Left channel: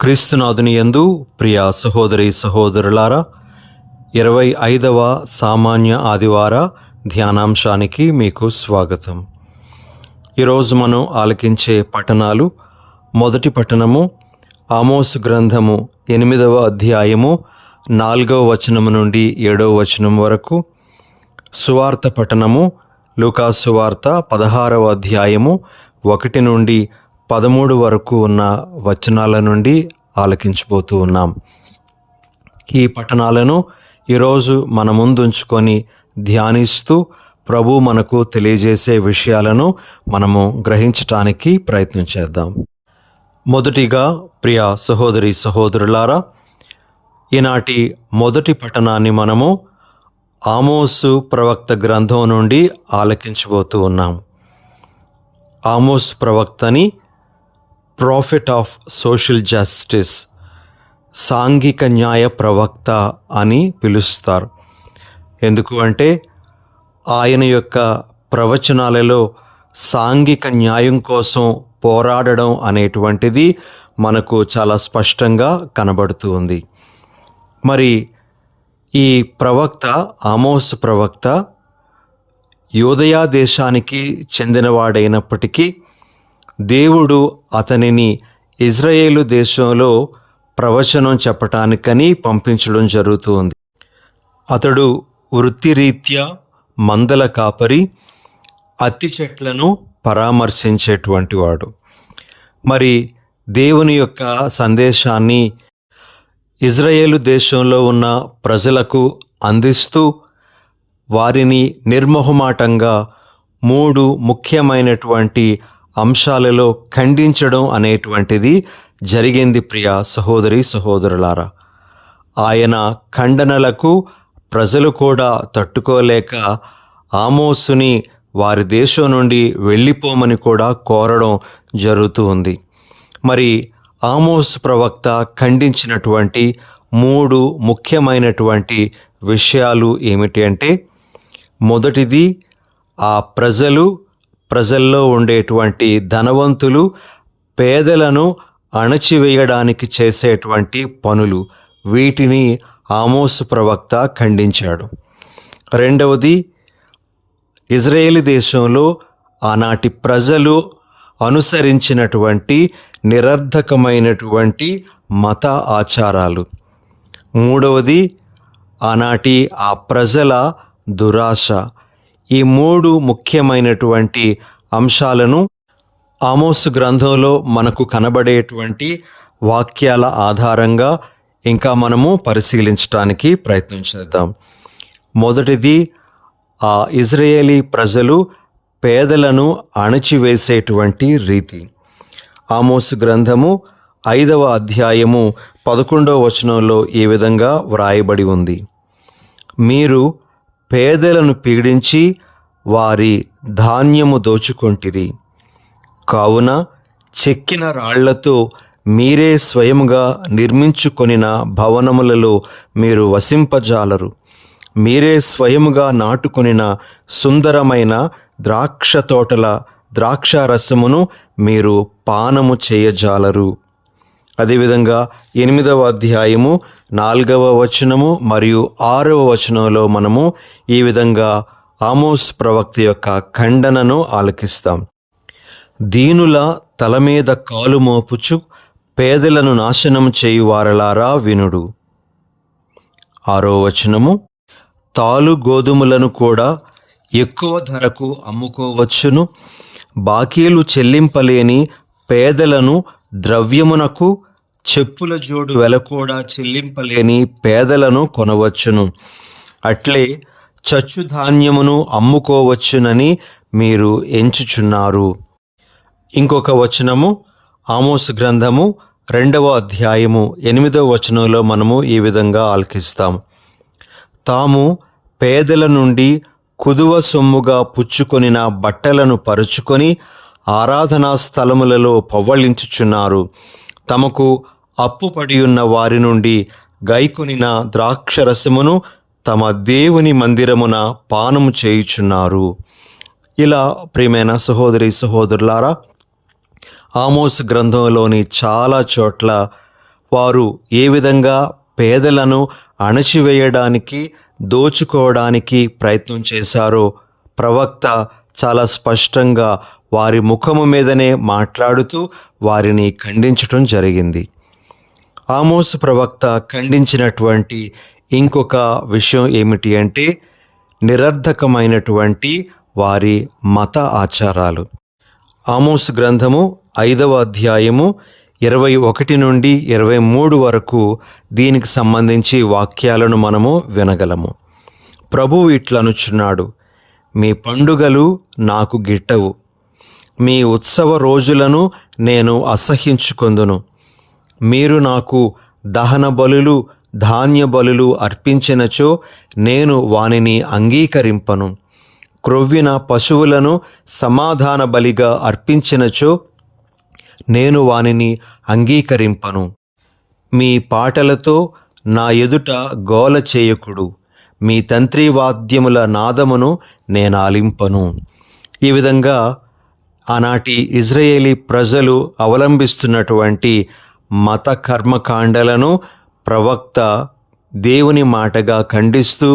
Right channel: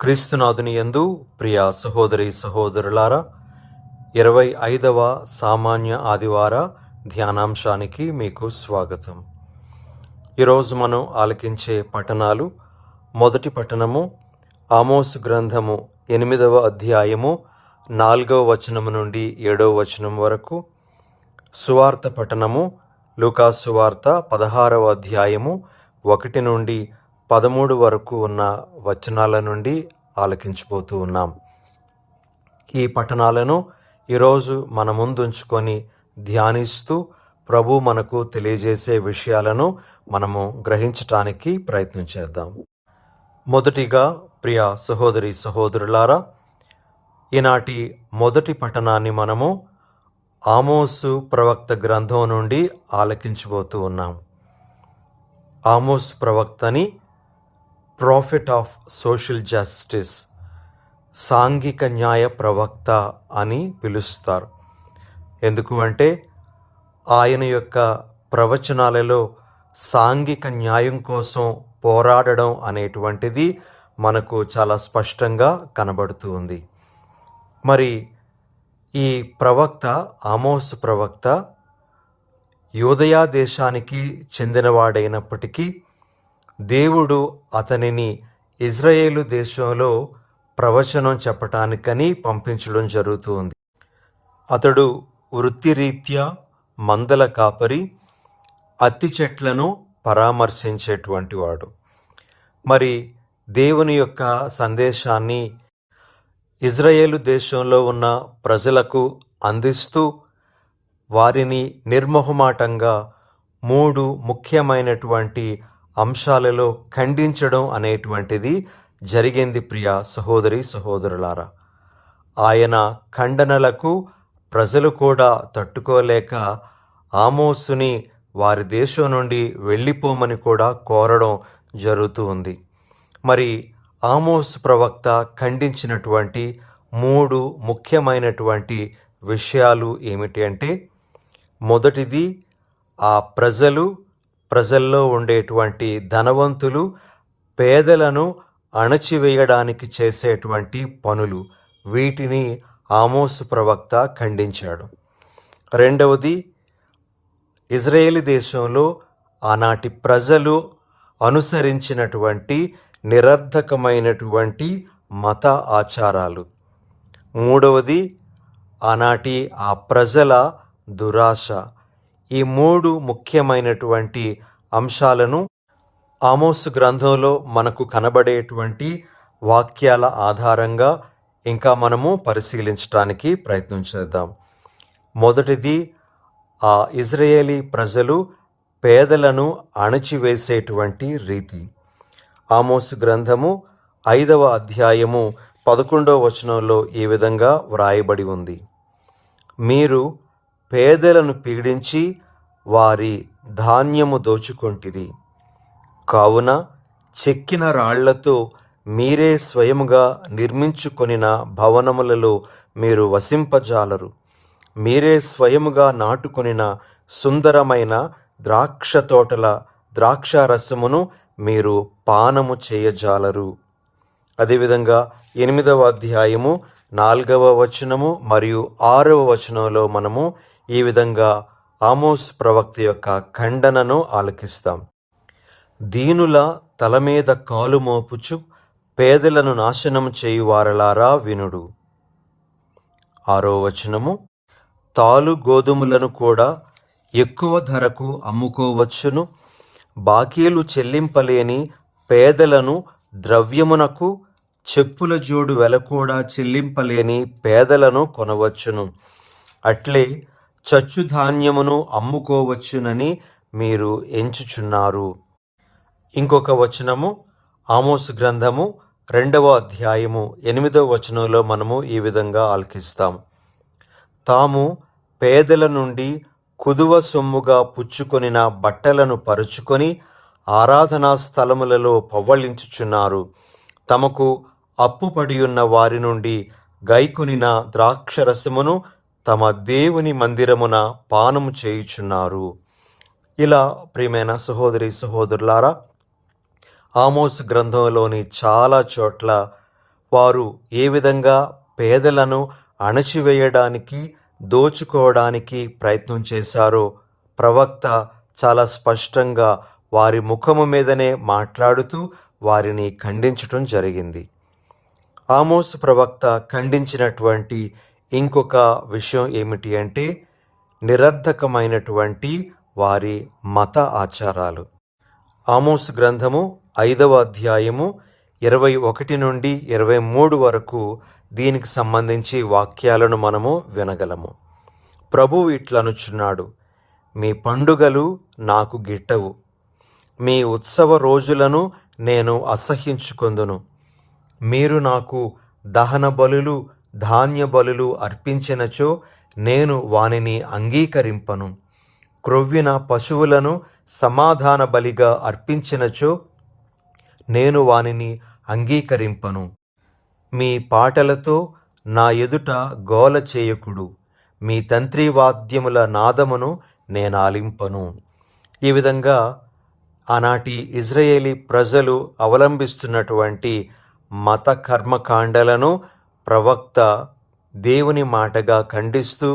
క్రీస్తునాథుని యందు ప్రియ సహోదరి సహోదరులారా, 25వ సామాన్య ఆదివార ధ్యానాంశానికి మీకు స్వాగతం. ఈరోజు మనం ఆలకించే పఠనాలు: మొదటి పఠనము ఆమోసు గ్రంథము 8వ అధ్యాయము 4వ వచనము నుండి 7వ వచనం వరకు. సువార్త పఠనము లూకాసు సువార్త 16వ అధ్యాయము 1 నుండి 13 వరకు ఉన్న వచనాల నుండి ఆలకించబోతూ ఉన్నాం. ఈ పఠనాలను ఈరోజు మన ముందుంచుకొని ధ్యానిస్తూ ప్రభు మనకు తెలియజేసే విషయాలను మనము గ్రహించటానికి ప్రయత్నం చేద్దాం. మొదటిగా ప్రియ సహోదరి సహోదరులారా, ఈనాటి మొదటి పఠనాన్ని మనము ఆమోసు ప్రవక్త గ్రంథం నుండి ఆలకించబోతూ ఉన్నాం. ఆమోసు ప్రవక్తని ప్రాఫిట్ ఆఫ్ సోషల్ జస్టిస్, సాంఘిక న్యాయ ప్రవక్త అని పిలుస్తారు. ఎందుకు అంటే ఆయన యొక్క ప్రవచనాలలో సాంఘిక న్యాయం కోసం పోరాడడం అనేటువంటిది మనకు చాలా స్పష్టంగా కనబడుతూ ఉంది. మరి ఈ ప్రవక్త ఆమోసు ప్రవక్త యూదయా దేశానికి చెందినవాడైనప్పటికీ దేవుడు అతనిని ఇజ్రాయేలు దేశంలో ప్రవచనం చెప్పటానికని పంపించడం జరుగుతుంది. అతడు వృత్తిరీత్యా మందల కాపరి, అత్తి చెట్లను పరామర్శించేటువంటి వాడు. మరి దేవుని యొక్క సందేశాన్ని ఇజ్రాయేలు దేశంలో ఉన్న ప్రజలకు అందిస్తూ వారిని నిర్మోహమాటంగా 3 ముఖ్యమైనటువంటి అంశాలలో ఖండించడం అనేటువంటిది జరిగింది. ప్రియ సహోదరి సహోదరులారా, ఆయన ఖండనలకు ప్రజలు కూడా తట్టుకోలేక ఆమోసుని వారి దేశం నుండి వెళ్ళిపోమని కూడా కోరడం జరుగుతూ ఉంది. మరి ఆమోసు ప్రవక్త ఖండించినటువంటి 3 ముఖ్యమైనటువంటి విషయాలు ఏమిటి అంటే, మొదటిది, ఆ ప్రజల్లో ఉండేటువంటి ధనవంతులు పేదలను అణచివేయడానికి చేసేటువంటి పనులు, వీటిని ఆమోసు ప్రవక్త ఖండించాడు. రెండవది, ఇజ్రాయేలు దేశంలో ఆనాటి ప్రజలు అనుసరించినటువంటి నిరర్ధకమైనటువంటి మత ఆచారాలు. మూడవది, ఆనాటి ఆ ప్రజల దురాశ. ఈ 3 ముఖ్యమైనటువంటి అంశాలను ఆమోసు గ్రంథంలో మనకు కనబడేటువంటి వాక్యాల ఆధారంగా ఇంకా మనము పరిశీలించడానికి ప్రయత్నం చేద్దాం. మొదటిది, ఆ ఇజ్రాయేలీ ప్రజలు పేదలను అణచివేసేటువంటి రీతి. ఆమోసు గ్రంథము 5వ అధ్యాయము 11వ వచనంలో ఈ విధంగా వ్రాయబడి ఉంది: మీరు పేదలను పీడించి వారి ధాన్యము దోచుకొంటిరి, కావున చెక్కిన రాళ్లతో మీరే స్వయముగా నిర్మించుకొనిన భవనములలో మీరు వసింపజాలరు. మీరే స్వయముగా నాటుకొనిన సుందరమైన ద్రాక్ష తోటల ద్రాక్షారసమును మీరు పానము చేయజాలరు. అదేవిధంగా 8వ అధ్యాయము 4వ వచనము మరియు 6వ వచనంలో మనము ఈ విధంగా ఆమోసు ప్రవక్త యొక్క ఖండనను ఆలకిస్తాం: దీనుల తల మీద కాలు మోపుచు పేదలను నాశనం చేయువారలారా వినుడు. 6వ వచనము, తాలు గోధుమలను కూడా ఎక్కువ ధరకు అమ్ముకోవచ్చును, బాకీలు చెల్లింపలేని పేదలను ద్రవ్యమునకు, చెప్పుల జోడు వెల కూడా చెల్లింపలేని పేదలను కొనవచ్చును. అట్లే చచ్చు ధాన్యమును అమ్ముకోవచ్చునని మీరు ఎంచుచున్నారు. ఇంకొక వచనము ఆమోసు గ్రంథము 2వ అధ్యాయము 8వ వచనంలో మనము ఈ విధంగా ఆలకిస్తాం: తాము పేదల నుండి కుదువ సొమ్ముగా పుచ్చుకొనిన బట్టలను పరుచుకొని ఆరాధనా స్థలములలో పవ్వళించుచున్నారు. తమకు అప్పుపడి ఉన్న వారి నుండి గైకొనిన ద్రాక్షరసమును తమ దేవుని మందిరమున పానము చేయుచున్నారు. ఇలా ప్రియమైన సహోదరి సహోదరులారా, ఆమోసు గ్రంథంలోని చాలా చోట్ల వారు ఏ విధంగా పేదలను అణచివేయడానికి, దోచుకోవడానికి ప్రయత్నం చేశారో ప్రవక్త చాలా స్పష్టంగా వారి ముఖము మీదనే మాట్లాడుతూ వారిని ఖండించటం జరిగింది. ఆమోసు ప్రవక్త ఖండించినటువంటి ఇంకొక విషయం ఏమిటి అంటే నిరర్ధకమైనటువంటి వారి మత ఆచారాలు. ఆమోసు గ్రంథము 5వ అధ్యాయము 21 నుండి 23 వరకు దీనికి సంబంధించి వాక్యాలను మనము వినగలము. ప్రభువు ఇట్లనుచున్నాడు, మీ పండుగలు నాకు గిట్టవు, మీ ఉత్సవ రోజులను నేను అసహ్యించుకొందును. మీరు నాకు దహన బలులు, ధాన్య బలులు అర్పించినచో నేను వానిని అంగీకరింపను. క్రొవ్విన పశువులను సమాధాన బలిగా అర్పించినచో నేను వానిని అంగీకరింపను. మీ పాటలతో నా ఎదుట గోల చేయకుడు, మీ తంత్రివాద్యముల నాదమును నేనాలింపను. ఈ విధంగా ఆనాటి ఇజ్రాయేలీ ప్రజలు అవలంబిస్తున్నటువంటి మత కర్మకాండలను ప్రవక్త దేవుని మాటగా ఖండిస్తూ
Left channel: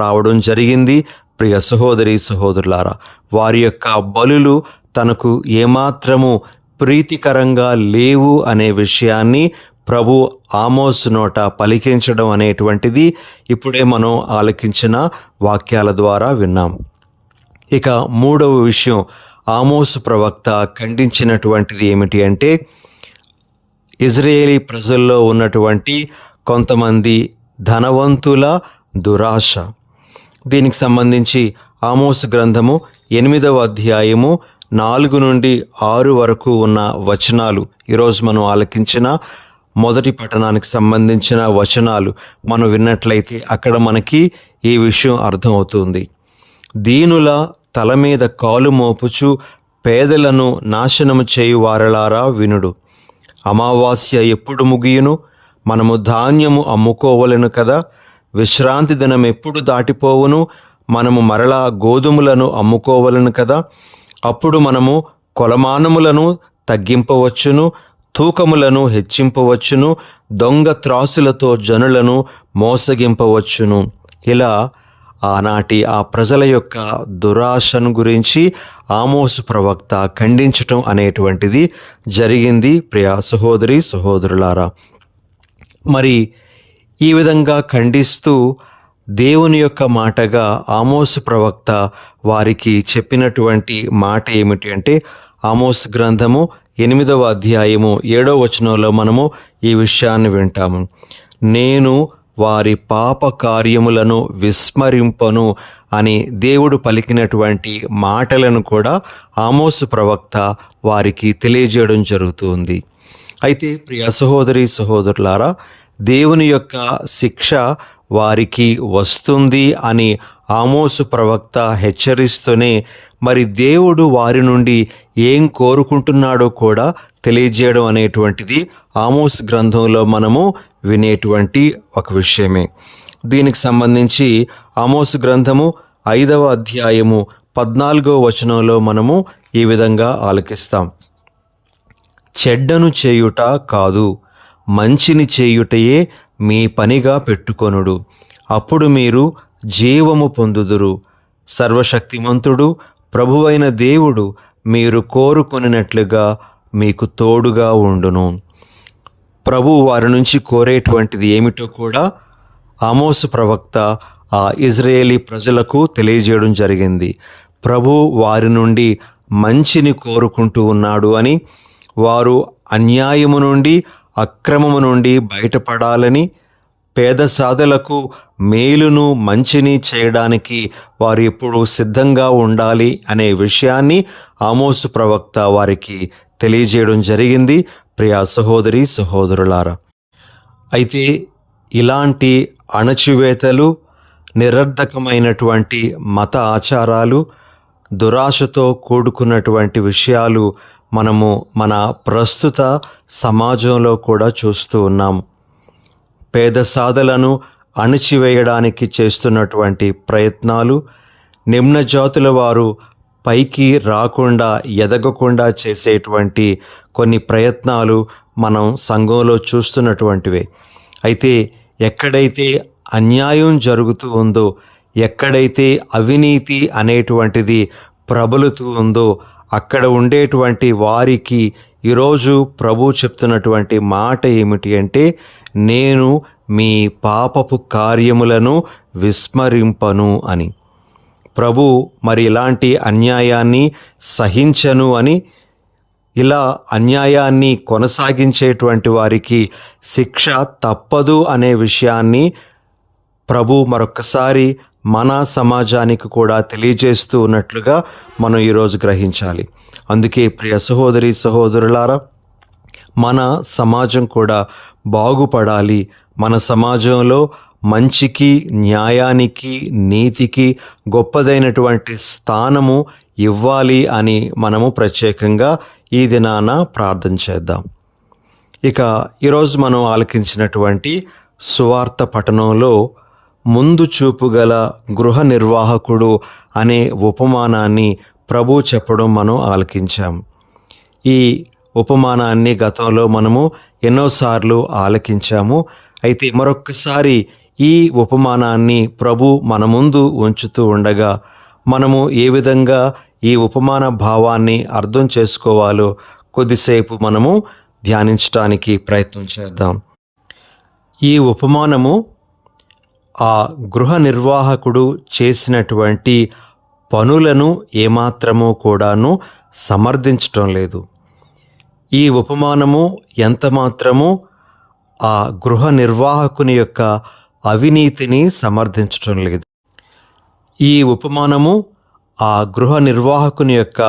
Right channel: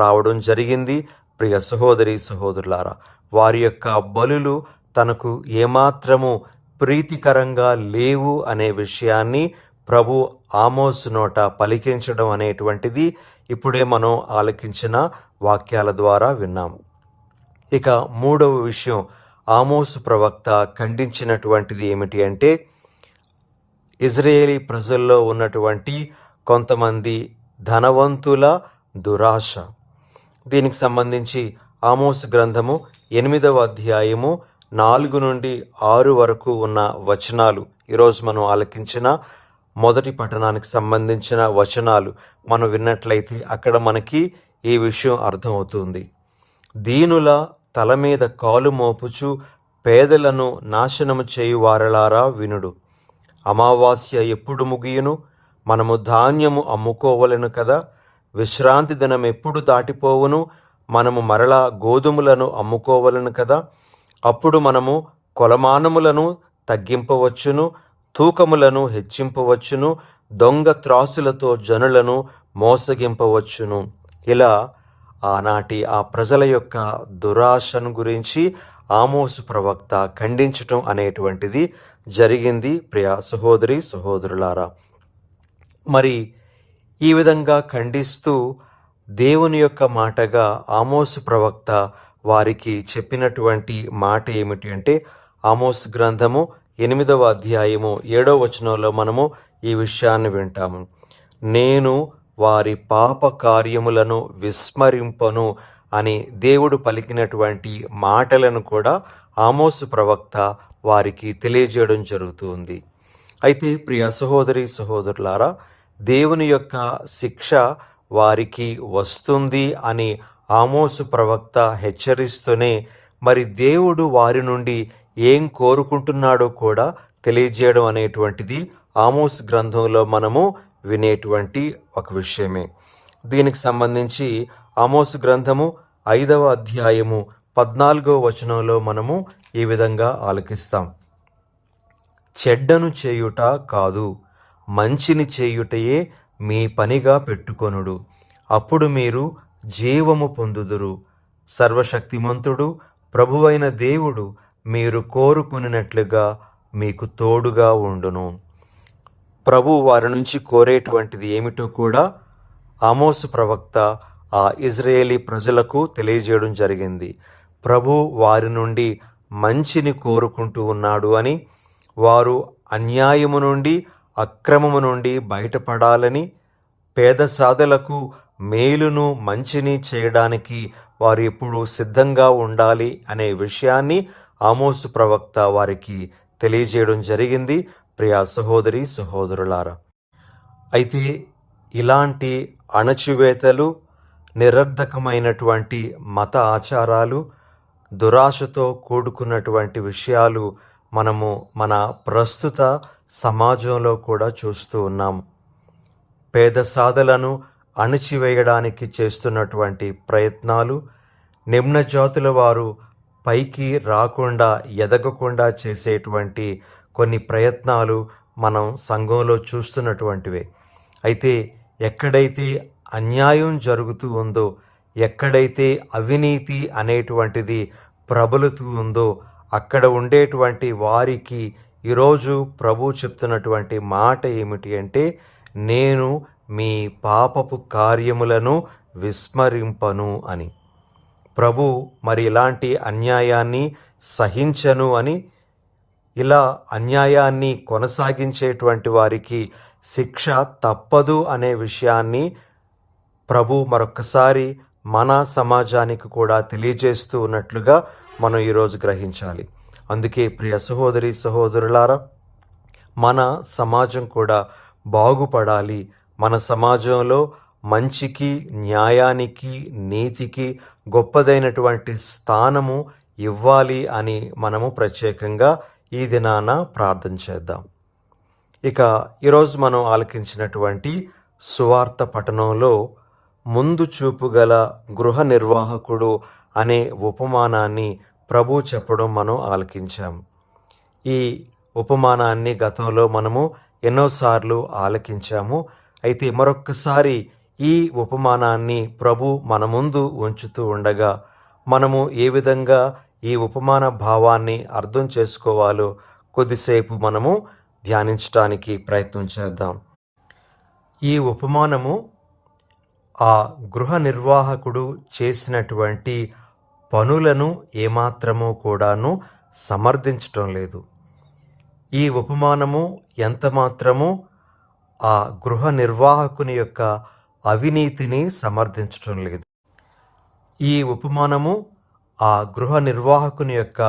రావడం జరిగింది. ప్రియ సహోదరి సహోదరులారా, వారి యొక్క బలులు తనకు ఏమాత్రము ప్రీతికరంగా లేవు అనే విషయాన్ని ప్రభు ఆమోసు నోట పలికించడం అనేటువంటిది ఇప్పుడే మనం ఆలకించిన వాక్యాల ద్వారా విన్నాం. ఇక మూడవ విషయం ఆమోసు ప్రవక్త ఖండించినటువంటిది ఏమిటి అంటే ఇజ్రాయేలీ ప్రజల్లో ఉన్నటువంటి కొంతమంది ధనవంతుల దురాశ. దీనికి సంబంధించి ఆమోసు గ్రంథము 8వ అధ్యాయము 4 నుండి 6 వరకు ఉన్న వచనాలు, ఈరోజు మనం ఆలకించిన మొదటి పట్టణానికి సంబంధించిన వచనాలు మనం విన్నట్లయితే అక్కడ మనకి ఈ విషయం అర్థమవుతుంది. దీనుల తల మీద కాలు మోపుచు పేదలను నాశనము చేయు వారలారా వినుడు. అమావాస్య ఎప్పుడు ముగియును? మనము ధాన్యము అమ్ముకోవలెను కదా. విశ్రాంతి దినం ఎప్పుడు దాటిపోవును? మనము మరలా గోధుమలను అమ్ముకోవలను కదా. అప్పుడు మనము కొలమానములను తగ్గింపవచ్చును, తూకములను హెచ్చింపవచ్చును, దొంగ త్రాసులతో జనులను మోసగింపవచ్చును. ఇలా ఆనాటి ఆ ప్రజల యొక్క దురాశను గురించి ఆమోసు ప్రవక్త ఖండించటం అనేటువంటిది జరిగింది. ప్రియ సహోదరి సహోదరులారా, మరి ఈ విధంగా ఖండిస్తూ దేవుని యొక్క మాటగా ఆమోసు ప్రవక్త వారికి చెప్పినటువంటి మాట ఏమిటి అంటే ఆమోసు గ్రంథము 8వ అధ్యాయము 7వ వచనంలో మనము ఈ విషయాన్ని వింటాము. నేను వారి పాప కార్యములను విస్మరింపను అని దేవుడు పలికినటువంటి మాటలను కూడా ఆమోసు ప్రవక్త వారికి తెలియజేయడం జరుగుతుంది. అయితే ప్రియ సహోదరి సహోదరులారా, దేవుని యొక్క శిక్ష వారికి వస్తుంది అని ఆమోసు ప్రవక్త హెచ్చరిస్తూనే మరి దేవుడు వారి నుండి ఏం కోరుకుంటున్నాడో కూడా తెలియజేయడం అనేటువంటిది ఆమోసు గ్రంథంలో మనము వినేటువంటి ఒక విషయమే. దీనికి సంబంధించి ఆమోసు గ్రంథము 5వ అధ్యాయము 14వ వచనంలో మనము ఈ విధంగా ఆలకిస్తాం. చెడ్డను చేయుట కాదు, మంచిని చేయుటయే మీ పనిగా పెట్టుకొనుడు, అప్పుడు మీరు జీవము పొందుదురు. సర్వశక్తిమంతుడు ప్రభువైన దేవుడు మీరు కోరుకొనినట్లుగా మీకు తోడుగా ఉండును. ప్రభు వారి నుంచి కోరేటువంటిది ఏమిటో కూడా ఆమోసు ప్రవక్త ఆ ఇజ్రాయేలీ ప్రజలకు తెలియజేయడం జరిగింది. ప్రభు వారి నుండి మంచిని కోరుకుంటూ ఉన్నాడు అని, వారు అన్యాయము నుండి అక్రమము నుండి బయటపడాలని, పేద సాధులకు మేలును మంచిని చేయడానికి వారు ఎప్పుడు సిద్ధంగా ఉండాలి అనే విషయాన్ని ఆమోసు ప్రవక్త వారికి తెలియజేయడం జరిగింది. ప్రియ సహోదరి సహోదరులారా, అయితే ఇలాంటి అణచివేతలు, నిరర్ధకమైనటువంటి మత ఆచారాలు, దురాశతో కూడుకున్నటువంటి విషయాలు మనము మన ప్రస్తుత సమాజంలో కూడా చూస్తూ ఉన్నాం. పేద సాధలను అణచివేయడానికి చేస్తున్నటువంటి ప్రయత్నాలు, నిమ్న జాతుల వారు పైకి రాకుండా ఎదగకుండా చేసేటువంటి కొన్ని ప్రయత్నాలు మనం సంఘంలో చూస్తున్నటువంటివే. అయితే ఎక్కడైతే అన్యాయం జరుగుతూ ఉందో, ఎక్కడైతే అవినీతి అనేటువంటిది ప్రబలుతూ ఉందో, అక్కడ ఉండేటువంటి వారికి ఈరోజు ప్రభు చెప్తున్నటువంటి మాట ఏమిటి అంటే, నేను మీ పాపపు కార్యములను విస్మరింపను అని. ప్రభు మరి ఇలాంటి అన్యాయాన్ని సహించను అని, ఇలా అన్యాయాన్ని కొనసాగించేటువంటి వారికి శిక్ష తప్పదు అనే విషయాన్ని ప్రభు మరొక్కసారి మన సమాజానికి కూడా తెలియజేస్తూ ఉన్నట్లుగా మనం ఈరోజు గ్రహించాలి. అందుకే ప్రియ సహోదరి సహోదరులారా, మన సమాజం కూడా బాగుపడాలి. మన సమాజంలో మంచికి, న్యాయానికి, నీతికి గొప్పదైనటువంటి స్థానము ఇవ్వాలి అని మనము ప్రత్యేకంగా ఈ దినాన ప్రార్థన చేద్దాం. ఇక ఈరోజు మనం ఆలకించినటువంటి సువార్త పఠనంలో ముందు చూపు గల గృహ నిర్వాహకుడు అనే ఉపమానాన్ని ప్రభు చెప్పడం మనం ఆలకించాం. ఈ ఉపమానాన్ని గతంలో మనము ఎన్నోసార్లు ఆలకించాము. అయితే మరొక్కసారి ఈ ఉపమానాన్ని ప్రభు మన ముందు ఉంచుతూ ఉండగా మనము ఏ విధంగా ఈ ఉపమాన భావాన్ని అర్థం చేసుకోవాలో కొద్దిసేపు మనము ధ్యానించడానికి ప్రయత్నం చేద్దాం. ఈ ఉపమానము ఆ గృహ నిర్వాహకుడు చేసినటువంటి పనులను ఏమాత్రమూ కూడాను సమర్థించటం లేదు. ఈ ఉపమానము ఎంత మాత్రము ఆ గృహ నిర్వాహకుని యొక్క అవినీతిని సమర్థించటం లేదు. ఈ ఉపమానము ఆ గృహ నిర్వాహకుని యొక్క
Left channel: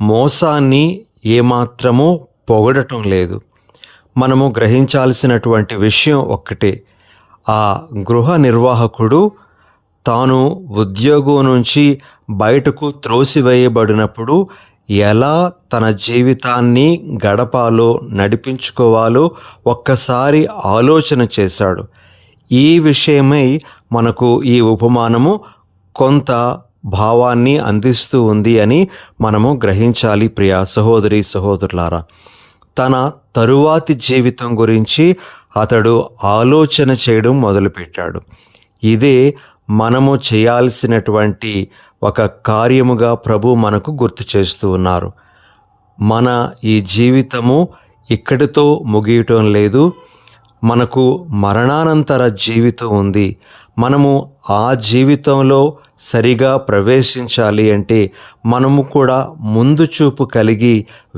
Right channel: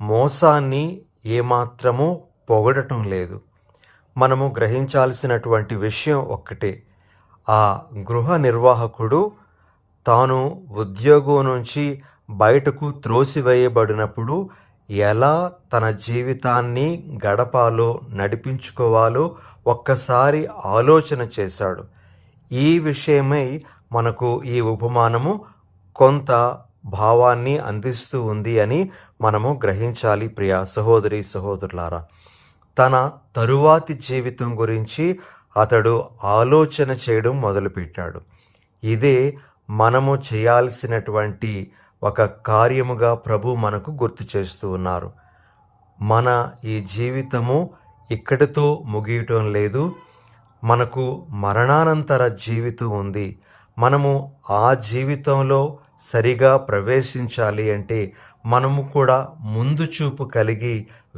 మోసాన్ని ఏమాత్రము పొగడటం లేదు. మనము గ్రహించాల్సినటువంటి విషయం ఒక్కటే, ఆ గృహ నిర్వాహకుడు తాను ఉద్యోగం నుంచి బయటకు త్రోసివేయబడినప్పుడు ఎలా తన జీవితాన్ని గడపాలో, నడిపించుకోవాలో ఒక్కసారి ఆలోచన చేశాడు. ఈ విషయమై మనకు ఈ ఉపమానము కొంత భావాన్ని అందిస్తూ ఉంది అని మనము గ్రహించాలి. ప్రియ సహోదరి సహోదరులారా, తన తరువాతి జీవితం గురించి అతడు ఆలోచన చేయడం మొదలుపెట్టాడు. ఇదే మనము చేయాల్సినటువంటి ఒక కార్యముగా ప్రభు మనకు గుర్తు చేస్తూ ఉన్నారు. మన ఈ జీవితము ఇక్కడితో ముగియటం లేదు. మనకు మరణానంతర జీవితం ఉంది. మనము ఆ జీవితంలో సరిగా ప్రవేశించాలి అంటే మనము కూడా ముందు చూపు కలిగి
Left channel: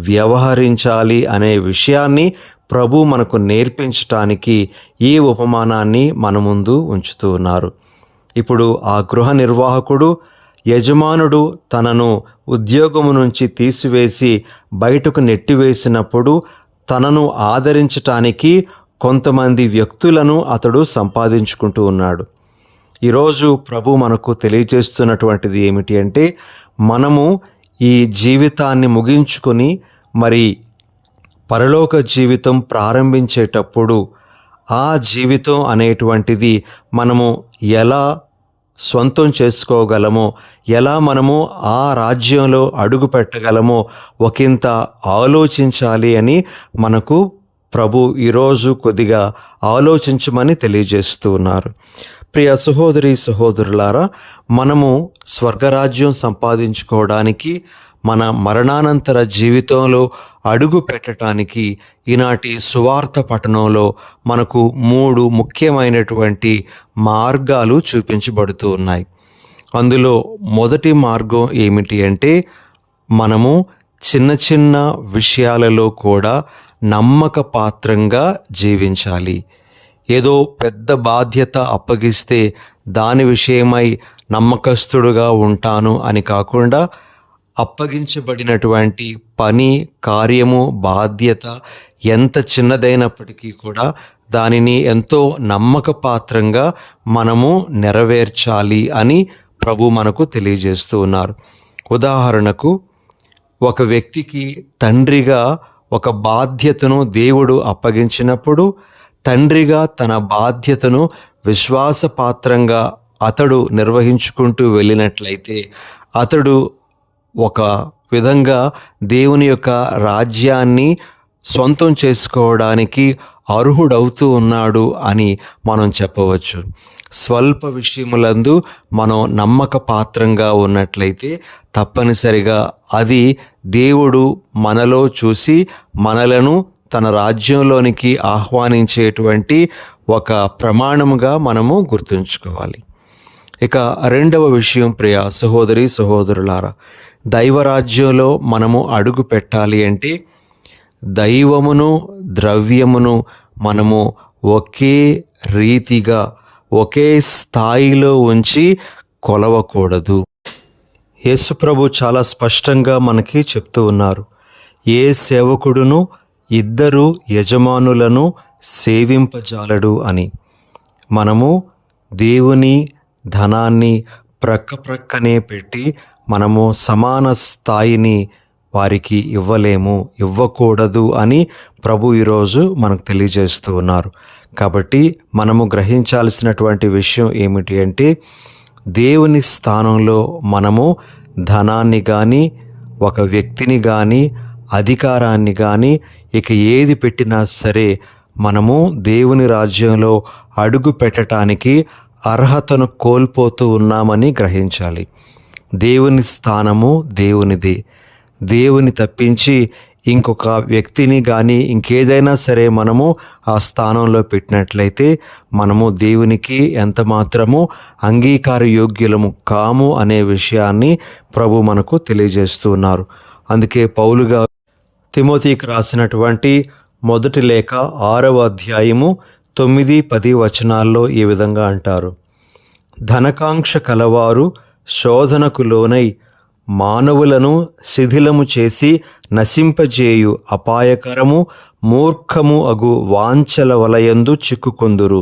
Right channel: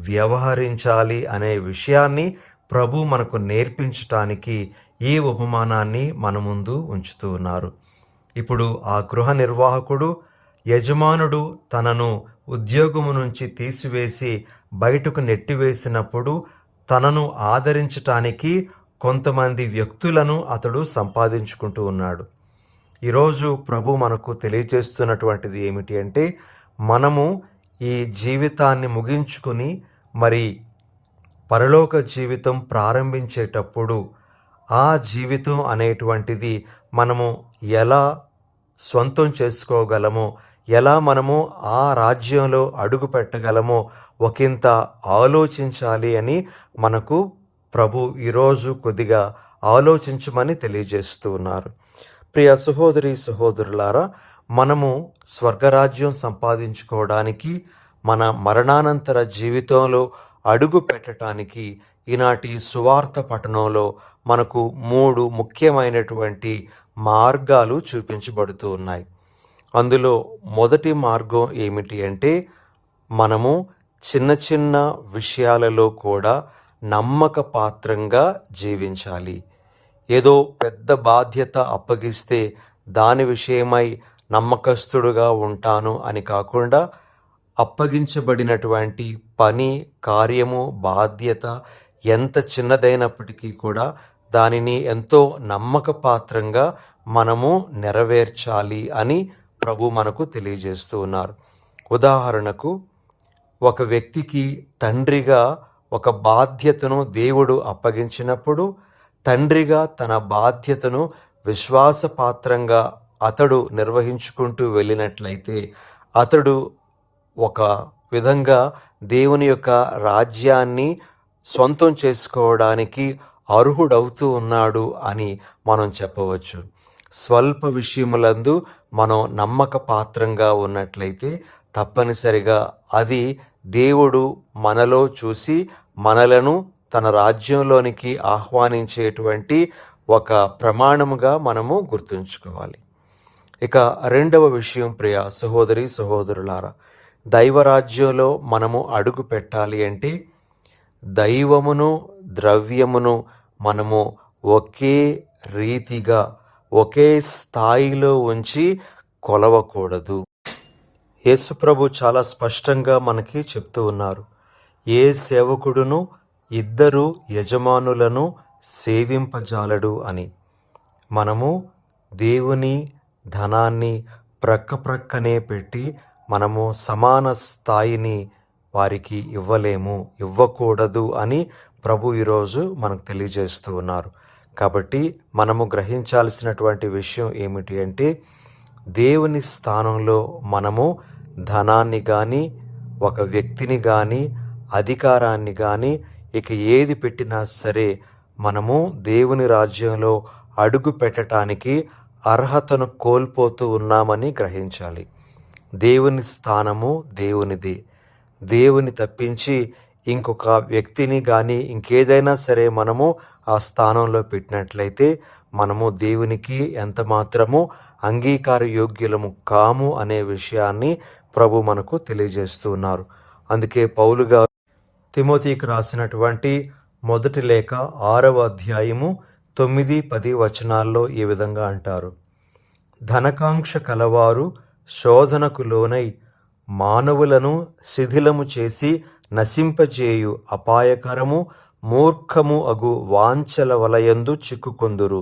వ్యవహరించాలి అనే విషయాన్ని ప్రభు మనకు నేర్పించటానికి ఈ ఉపమానాన్ని మన ముందు ఉంచుతూ ఉన్నారు. ఇప్పుడు ఆ గృహ నిర్వాహకుడు యజమానుడు తనను ఉద్యోగము నుంచి తీసివేసి బయటకు నెట్టివేసినప్పుడు తనను ఆదరించటానికి కొంతమంది వ్యక్తులను అతడు సంపాదించుకుంటూ ఉన్నాడు. ఈరోజు ప్రభు మనకు తెలియజేస్తున్నటువంటిది ఏమిటి అంటే, మనము ఈ జీవితాన్ని ముగించుకొని మరి పరలోక జీవితం ప్రారంభించేటప్పుడు ఆ జీవితం అనేటువంటిది మనము ఎలా స్వంతం చేసుకోగలమో, ఎలా మనము ఆ రాజ్యంలో అడుగు పెట్టగలమో ఒకంత ఆలోచించాలి అని మనకు ప్రభు ఈరోజు కొద్దిగా ఆలోచించమని తెలియజేస్తూ ఉన్నారు. ప్రియ సహోదరి సహోదరులారా, మనము స్వర్గరాజ్యం సంపాదించుకోవడానికి, మన మరణానంతర జీవితంలో అడుగు పెట్టడానికి ఈనాటి సువార్త పఠనంలో మనకు 3 ముఖ్యమైనటువంటి మార్గాలు చూపించబడుతూ ఉన్నాయి. అందులో మొదటి మార్గం ఏమిటి అంటే, మనము చిన్న చిన్న విషయాలలో కూడా నమ్మక పాత్రంగా జీవించాలి. ఏదో పెద్ద బాధ్యత అప్పగిస్తే దాని విషయమై నమ్మకస్తుడుగా ఉంటాను అని కాకుండా, అప్పగించబడినటువంటి పని, కార్యము, బాధ్యత ఎంత చిన్నదైనప్పటికీ కూడా దానిని ఎంతో నమ్మకపాత్రంగా మనము నెరవేర్చాలి అని ప్రభు మనకు తెలియజేస్తూ ఉన్నారు. ఉదాహరణకు, ఒక వ్యక్తికి తండ్రిగా ఒక బాధ్యతను దేవుడు అప్పగించినప్పుడు, తండ్రిగా తన బాధ్యతను విశ్వాసపాత్రంగా అతడు నిర్వహించుకుంటూ వెళ్ళినట్లయితే అతడు ఒక విధంగా దేవుని యొక్క రాజ్యాన్ని సొంతం చేసుకోవడానికి అర్హుడవుతూ ఉన్నాడు అని మనం చెప్పవచ్చు. స్వల్ప విషయములందు మనం నమ్మక పాత్రంగా ఉన్నట్లయితే తప్పనిసరిగా అది దేవుడు మనలో చూసి మనలను తన రాజ్యంలోనికి ఆహ్వానించేటువంటి ఒక ప్రమాణముగా మనము గుర్తుంచుకోవాలి. ఇక రెండవ విషయం, ప్రియ సహోదరి సహోదరులారా, దైవరాజ్యంలో మనము అడుగు పెట్టాలి అంటే దైవమును ద్రవ్యమును మనము ఒకే రీతిగా ఒకే స్థాయిలో ఉంచి కొలవకూడదు. యేసుప్రభు చాలా స్పష్టంగా మనకి చెప్తూ ఉన్నారు, ఏ సేవకుడును ఇద్దరు యజమానులను సేవింపజాలడు అని. మనము దేవుని ధనాన్ని ప్రక్కనే పెట్టి మనము సమాన స్థాయిని వారికి ఇవ్వకూడదు అని ప్రభు ఈరోజు మనకు తెలియజేస్తూ ఉన్నారు. కాబట్టి మనము గ్రహించాల్సినటువంటి విషయం ఏమిటి అంటే, దేవుని స్థానంలో మనము ధనాన్ని కానీ, ఒక వ్యక్తిని కానీ, అధికారాన్ని కానీ, ఇక ఏది పెట్టినా సరే మనము దేవుని రాజ్యంలో అడుగు పెట్టడానికి అర్హతను కోల్పోతూ ఉన్నామని గ్రహించాలి. దేవుని స్థానము దేవునిది. దేవుని తప్పించి ఇంకొక వ్యక్తిని కానీ ఇంకేదైనా సరే మనము ఆ స్థానంలో పెట్టినట్లయితే మనము దేవునికి ఎంత మాత్రము అంగీకార యోగ్యులము కాము అనే విషయాన్ని ప్రభు మనకు తెలియజేస్తూ ఉన్నారు. అందుకే పౌలు గారు తిమోతికి రాసినటువంటి మొదటి లేఖ 6వ అధ్యాయము 9-10 వచనాల్లో ఈ విధంగా అంటారు, ధనకాంక్ష కలవారు శోధనకు లోనై మానవులను శిథిలము చేసి నశింపజేయు అపాయకరము మూర్ఖము అగు వాంఛల వలయందు చిక్కుకొందురు.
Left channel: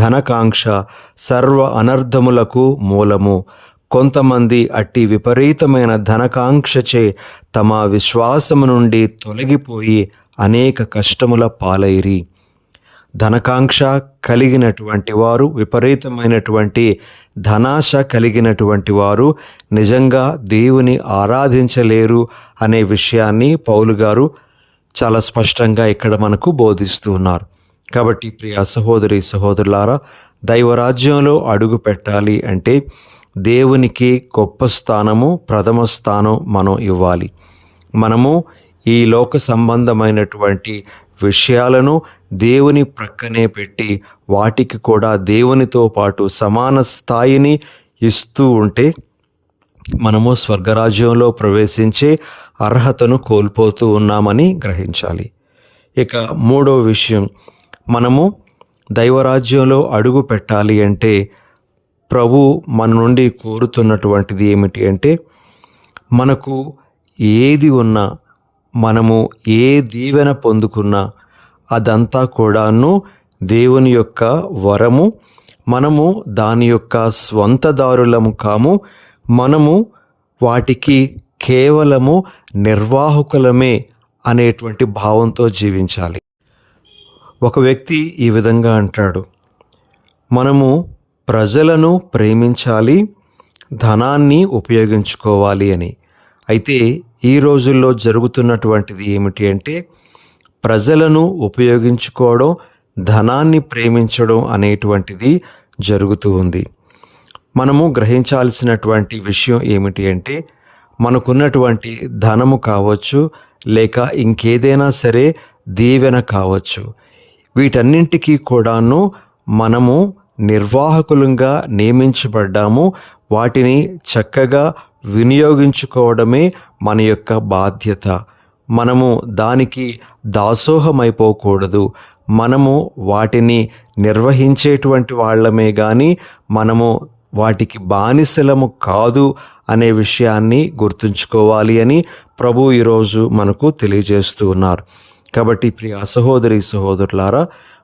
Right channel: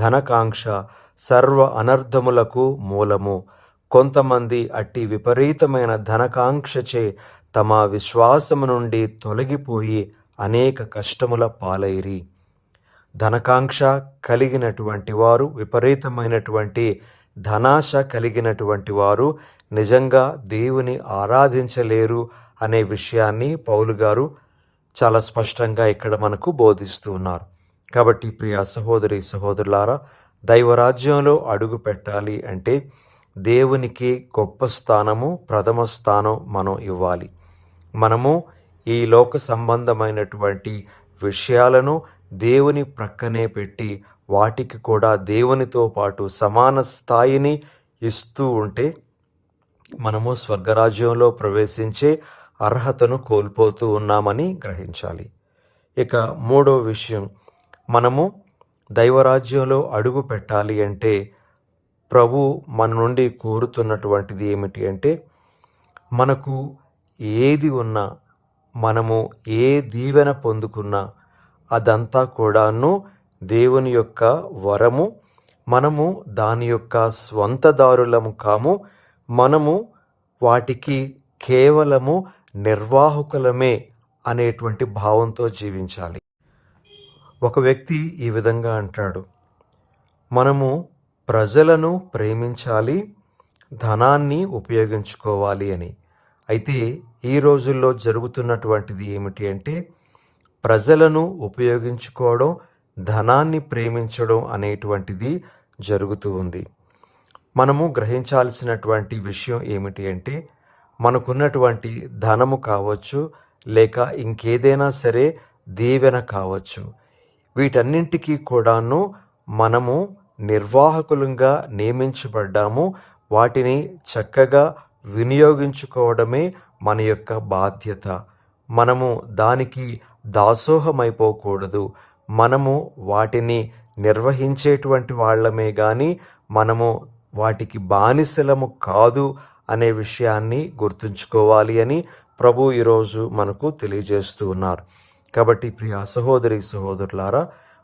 ధనకాంక్ష సర్వ అనర్థములకు మూలము. కొంతమంది అట్టి విపరీతమైన ధనకాంక్షచే తమ విశ్వాసము నుండి తొలగిపోయి అనేక కష్టముల పాలైరి. ధనకాంక్ష కలిగినటువంటి వారు, విపరీతమైనటువంటి ధనాశ కలిగినటువంటి వారు నిజంగా దేవుని ఆరాధించలేరు అనే విషయాన్ని పౌలు గారు చాలా స్పష్టంగా ఇక్కడ మనకు బోధిస్తూ ఉన్నారు. కాబట్టి ప్రియ సహోదరి సహోదరులారా, దైవరాజ్యంలో అడుగు పెట్టాలి అంటే దేవునికి గొప్ప స్థానము, ప్రథమ స్థానం మనం ఇవ్వాలి. మనము ఈ లోక సంబంధమైనటువంటి విషయాలను దేవుని ప్రక్కనే పెట్టి వాటికి కూడా దేవునితో పాటు సమాన స్థాయిని ఇస్తూ ఉంటే మనము స్వర్గరాజ్యంలో ప్రవేశించే అర్హతను కోల్పోతూ ఉన్నామని గ్రహించాలి. ఇక మూడవ విషయం, మనము దైవరాజ్యంలో అడుగు పెట్టాలి అంటే ప్రభు మన నుండి కోరుతున్నటువంటిది ఏమిటి అంటే, మనకు ఏది ఉన్నా, మనము ఏ దీవెన పొందుకున్నా అదంతా కూడాను దేవుని యొక్క వరము. మనము దాని యొక్క స్వంతదారులము కాము. మనము వాటికి కేవలము నిర్వాహకులమే అనేటువంటి భావంతో జీవించాలి. ఒక వ్యక్తి ఈ విధంగా అంటాడు, మనము ప్రజలను ప్రేమించాలి, ధనాన్ని ఉపయోగించుకోవాలి అని. అయితే ఈ రోజుల్లో జరుగుతున్నటువంటిది ఏమిటి అంటే, ప్రజలను ఉపయోగించుకోవడం, ధనాన్ని ప్రేమించడం అనేటువంటిది జరుగుతూ ఉంది. మనము గ్రహించాల్సినటువంటి విషయం ఏమిటి అంటే, మనకున్నటువంటి ధనము కావచ్చు, లేక ఇంకేదైనా సరే దీవెన కావచ్చు, వీటన్నింటికీ కూడాను మనము నిర్వాహకులుగా నియమించబడ్డాము. వాటిని చక్కగా వినియోగించుకోవడమే మన యొక్క బాధ్యత. మనము దానికి దాసోహమైపోకూడదు. మనము వాటిని నిర్వహించేటువంటి వాళ్ళమే కానీ మనము వాటికి బానిసలము కాదు అనే విషయాన్ని గుర్తుంచుకోవాలి అని ప్రభు ఈరోజు మనకు తెలియజేస్తూ ఉన్నారు. కాబట్టి ప్రియ సహోదరి సహోదరులారా,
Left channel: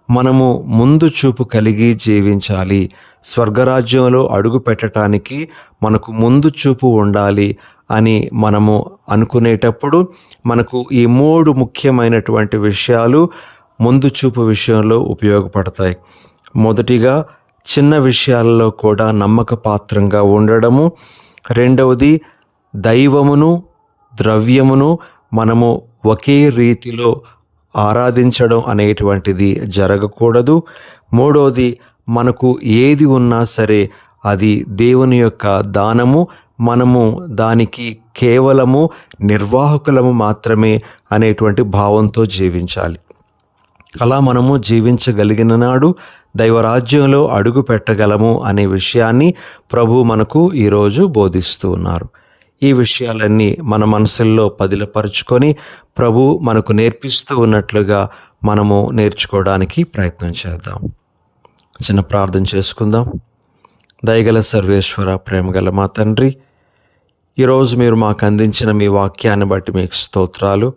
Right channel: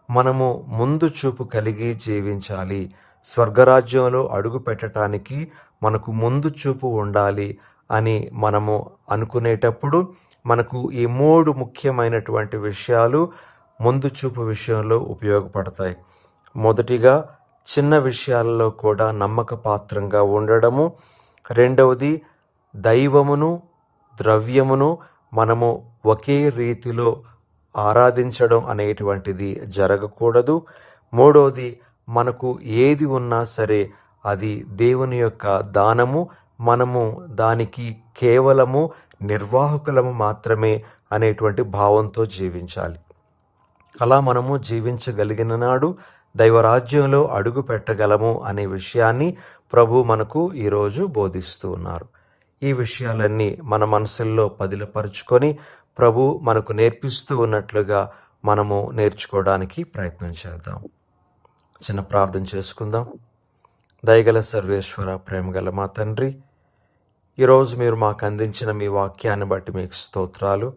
మనము ముందు చూపు కలిగి జీవించాలి. స్వర్గరాజ్యంలో అడుగు పెట్టడానికి మనకు ముందు చూపు ఉండాలి అని మనము అనుకునేటప్పుడు మనకు ఈ 3 ముఖ్యమైనటువంటి విషయాలు ముందు చూపు విషయంలో ఉపయోగపడతాయి. మొదటిగా, చిన్న విషయాలలో కూడా నమ్మక పాత్రంగా ఉండడము. రెండవది, దైవమును ద్రవ్యమును మనము ఒకే రీతిలో ఆరాధించడం అనేటువంటిది జరగకూడదు. మూడవది, మనకు ఏది ఉన్నా సరే అది దేవుని యొక్క దానము, మనము దానికి కేవలము నిర్వాహకులము మాత్రమే అనేటువంటి భావంతో జీవించాలి. అలా మనము జీవించగలిగిన నాడు దైవరాజ్యంలో అడుగు పెట్టగలము అనే విషయాన్ని ప్రభు మనకు ఈరోజు బోధిస్తూ ఉన్నారు. ఈ విషయాలన్నీ మన మనసుల్లో పదిలపరుచుకొని ప్రభు మనకు నేర్పిస్తూ ఉన్నట్లుగా మనము నేర్చుకోవడానికి ప్రయత్నం చేద్దాం. చిన్న ప్రార్థన చేసుకుందాం. దయగల సర్వేశ్వర, ప్రేమగల మా తండ్రి, ఈరోజు మీరు మాకు అందించిన మీ వాక్యాన్ని బట్టి మీకు స్తోత్రాలు.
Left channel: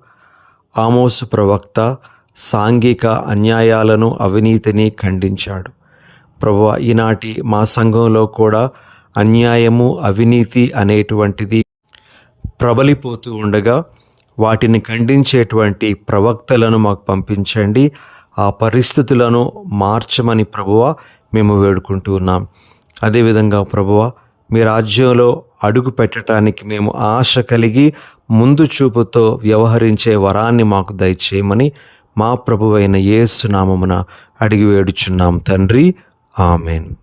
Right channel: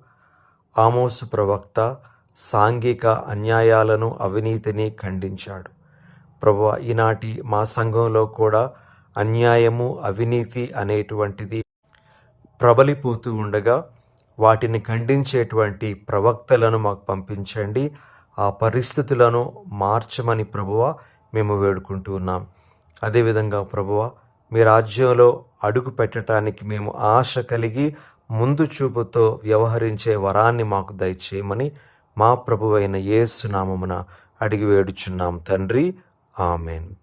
ఆమోసు ప్రవక్త సాంఘిక అన్యాయాలను, అవినీతిని ఖండించాడు. ప్రభువా, ఈనాటి మా సంఘంలో కూడా అన్యాయము, అవినీతి అనేటువంటిది ప్రబలిపోతూ ఉండగా వాటిని ఖండించేటువంటి ప్రవక్తలను మాకు పంపించండి. ఆ పరిస్థితులను మార్చమని ప్రభువా మేము వేడుకుంటూ ఉన్నాం. అదేవిధంగా ప్రభువా, మీ రాజ్యంలో అడుగు పెట్టడానికి మేము ఆశ కలిగి ముందు చూపుతో వ్యవహరించే వరాన్ని మాకు దయచేయమని మా ప్రభువైన యేసు నామమున అడిగి వేడుచున్నాం తండ్రి. ఆమెన్.